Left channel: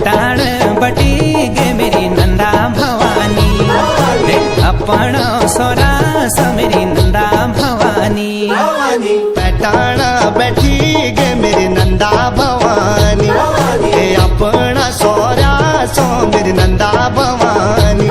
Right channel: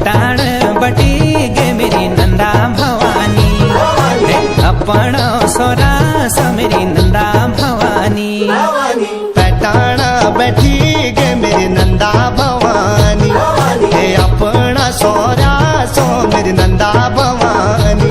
पटाण बटी गे मेरी नंदा भवानी, अपन सोरा सो मेरी नंदा भवानी। पटाण बैठी गे मेरी नंदा भवानी, हे अपना सोरा सो मेरी नंदा भवानी।